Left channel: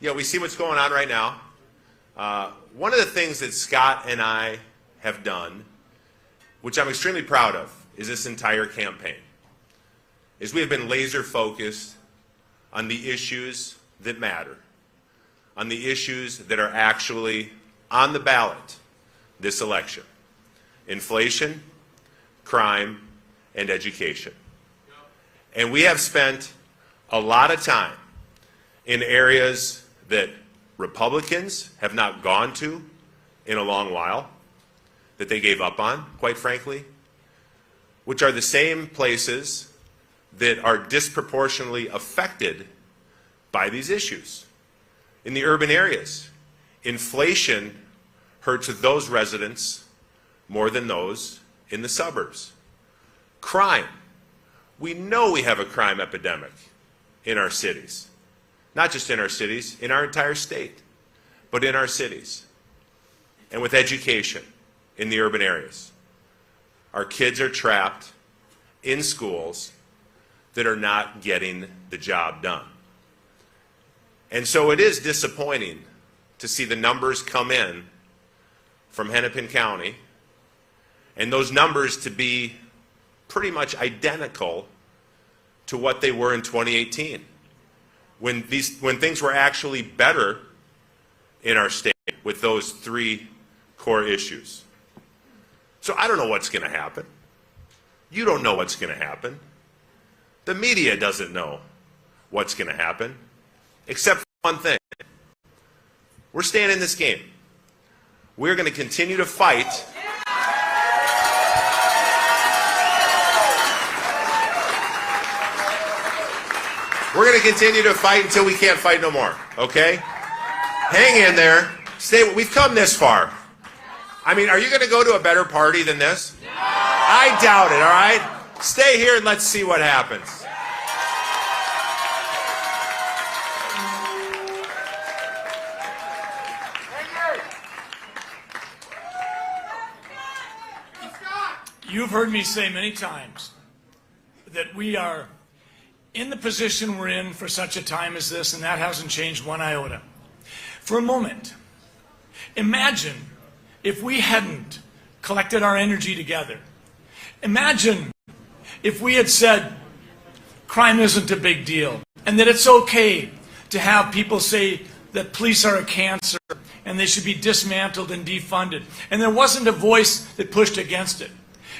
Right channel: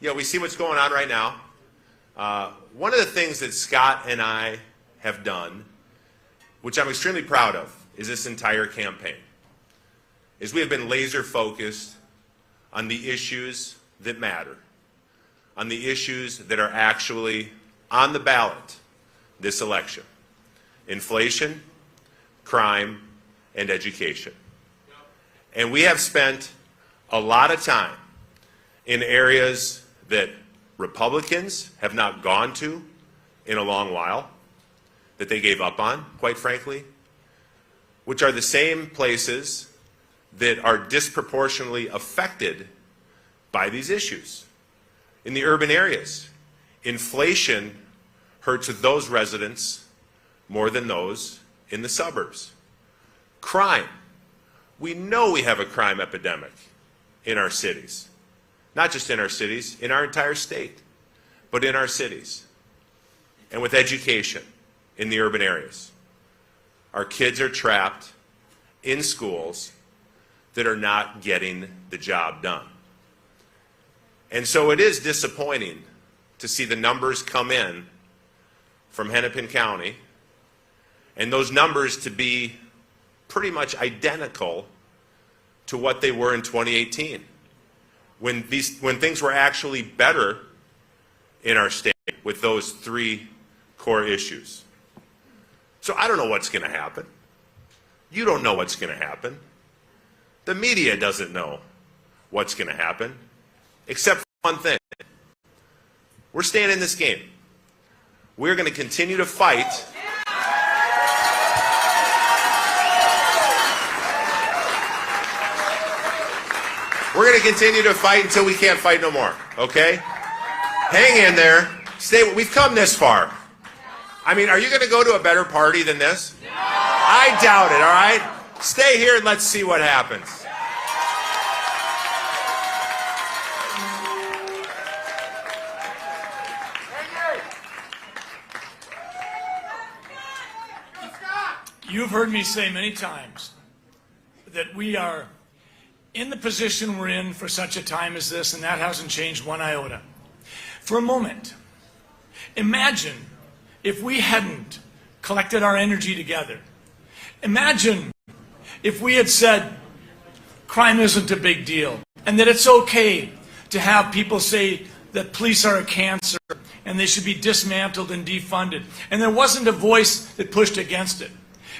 we see what's going on right now. One of the things that Scott and I have done, which I'm extremely proud of, is this entire campaign, is we have been laser focused on the issues that matter, on the issues that are actually on the ballot this election: inflation, crime, and education. And we have spent a lot of time in areas that Republicans have not gone to in a long while, that they gave up on, quite frankly, which are the same places that are disproportionately affected by these issues. In the urban areas, inflation hurts those residents more than those in the suburbs. Crime. We know we have a crime epidemic in our cities. Not just in our cities, in our entire state, but in our cities. And with education in the urban areas, our kids are trapped in schools that are not getting the job done. And so it is disappointing to see the numbers come in from Hennepin County, and those numbers to be pretty much identical to what they were in 2018, when things were actually better in our state with those three core issues. So I don't know what's going to happen. You don't know what's going to happen. The media doesn't know what's going to happen, except for one thing. We're staying in this game. We're going to continue to fight. We're going to continue to fight until we can't fight no more, okay? Hang in there. We've come this far. I mean, are you going to go to a better party than this? No. I doubt it, all right? Stay here and let's see what happens. You've heard me say many times that we are in the position we're in for such a time as this, and that hasn't changed one iota. For a moment, imagine if we hadn't collected our energy together. Imagine if we had said crime isn't a big deal, and that it's okay to have people say that police are a cancer and they should be dismantled and defunded, and there wasn't a voice that pushed against it.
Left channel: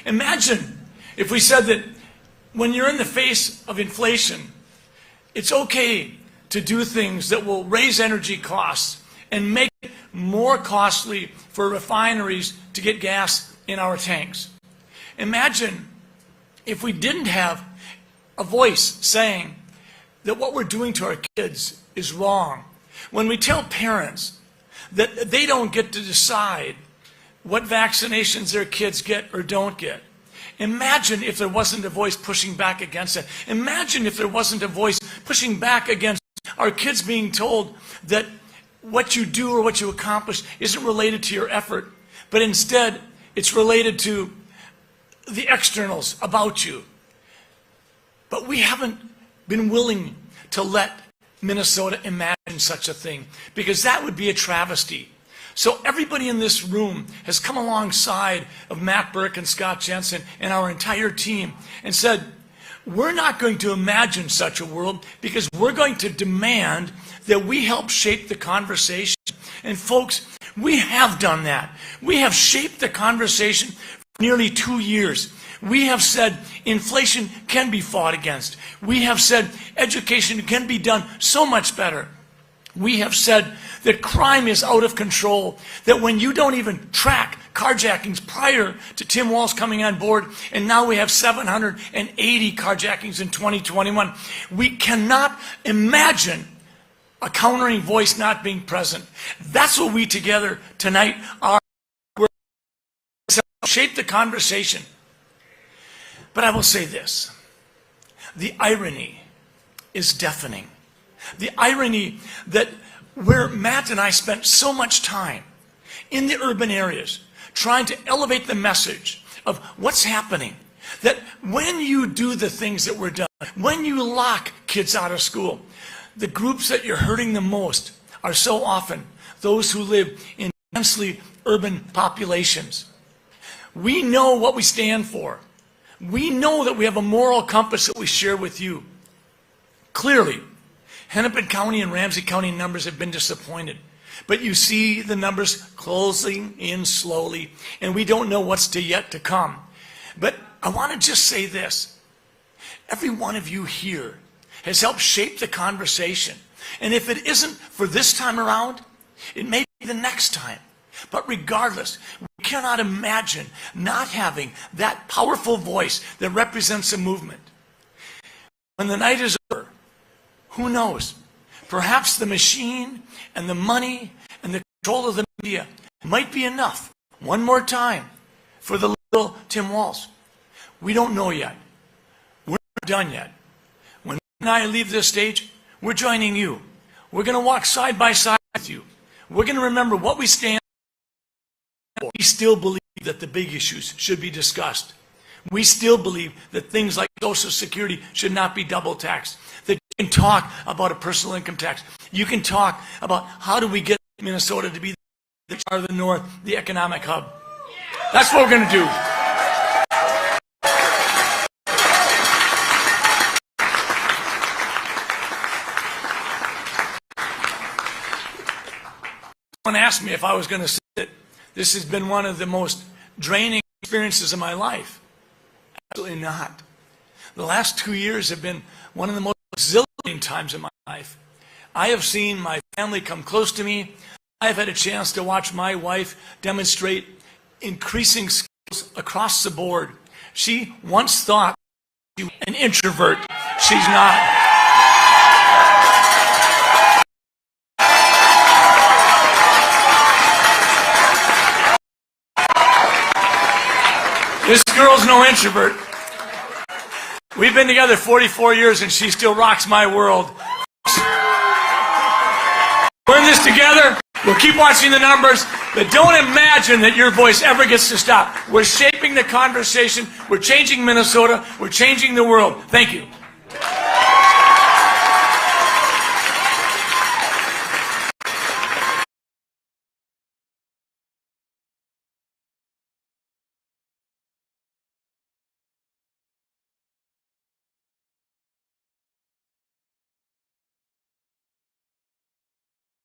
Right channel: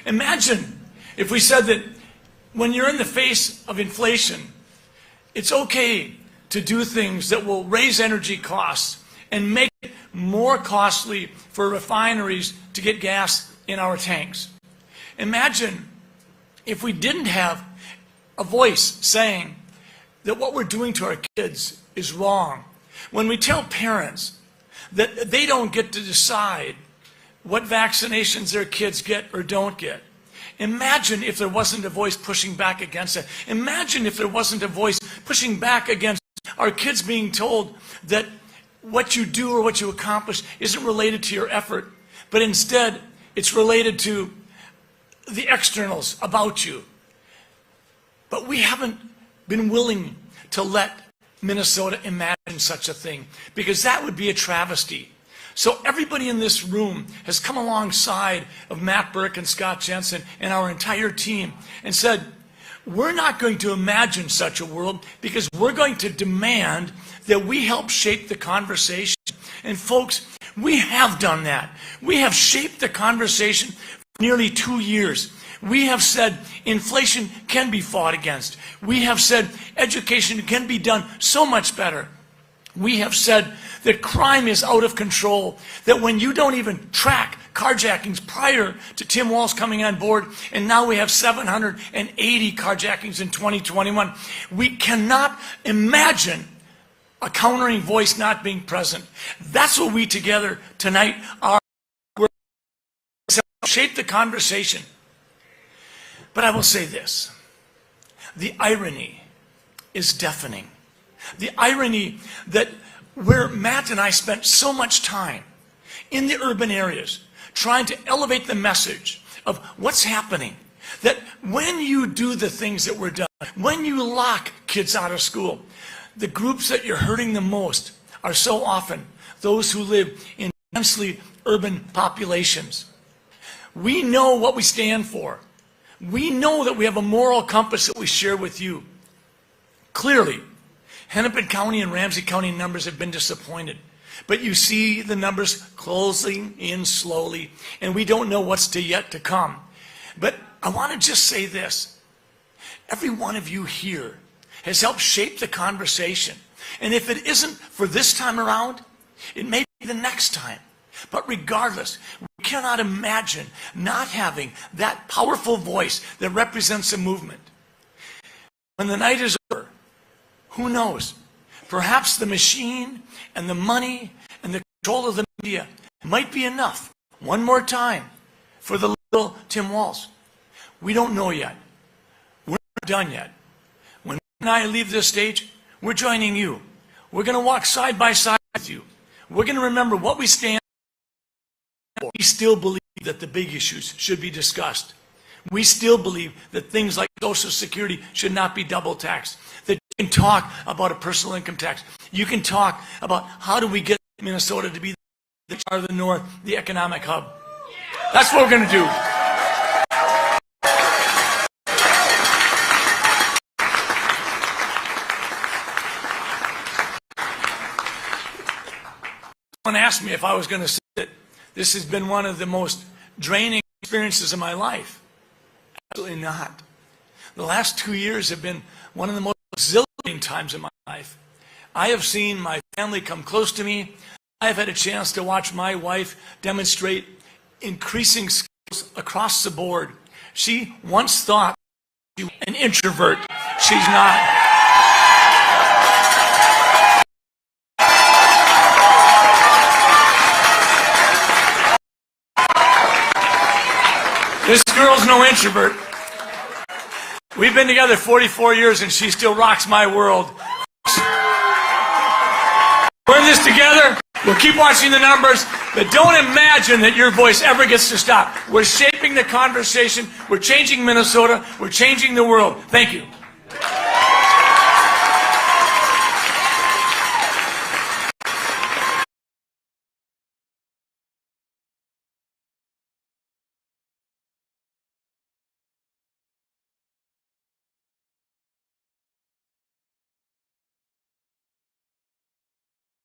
Imagine if we said that when you're in the face of inflation, it's okay to do things that will raise energy costs and make it more costly for refineries to get gas in our tanks. Imagine if we didn't have a voice saying that what we're doing to our kids is wrong. When we tell parents that they don't get to decide what vaccinations their kids get or don't get. Imagine if there wasn't a voice pushing back against it. Imagine if there wasn't a voice pushing back against our kids being told that what you do or what you accomplish isn't related to your effort, but instead it's related to the externals about you. But we haven't been willing to let Minnesota imagine such a thing, because that would be a travesty. So everybody in this room has come alongside of Matt Birk and Scott Jensen and our entire team and said, we're not going to imagine such a world, because we're going to demand that we help shape the conversation. And folks, we have done that. We have shaped the conversation for nearly 2 years. We have said inflation can be fought against. We have said education can be done so much better. We have said that crime is out of control, that when you don't even track carjackings prior to Tim Walz coming on board, and now we have 780 carjackings in 2021, we cannot imagine a countering voice not being present. That's what we together tonight are. We're to shape the conversation. But I will say this, the irony is deafening. The irony that where Matt and I spent so much time in the urban areas trying to elevate the message of what's happening, that when you do the things that were done, when you lock kids out of school, the groups that you're hurting the most are so often those who live in densely urban populations. We know what we stand for. We know that we have a moral compass that we share with you. Clearly, Hennepin County and Ramsey County numbers have been disappointed. But you see the numbers closing in slowly, and we don't know what's yet to come. But I want to just say this. Every one of you here has helped shape the conversation. And if it isn't for this time around, it may be the next time. But regardless, we cannot imagine not having that powerful voice that represents a movement. When the night is over, who knows? Perhaps the machine and the money and the control of the media might be enough, one more time, for the little Tim Walz. We don't know yet. We're not done yet. When I leave this stage, we're joining you. We're going to walk side by side with you. We're going to remember what we stand for. We still believe that the big issues should be discussed. We still believe that things like Social Security should not be double taxed. That you can talk about a personal income tax. You can talk about how do we get Minnesota to be the part of the North, the economic hub. That's what we're going to do. Someone asked me if I was going to say that this has been one of the most draining experiences of my life. Absolutely not. The last 2 years have been one of the most exhilarating times of my life. I have seen my family come close to me. I've had a chance to watch my wife demonstrate increasing skills across the board. She once thought she was an introvert. She's not. This girl's no introvert. We've been together 44 years and she still rocks my world. We're in this together. We'll keep watching the numbers, but don't imagine that your voice ever gets to stop. We're shaping the conversation. We're changing Minnesota. We're changing the world. Thank you.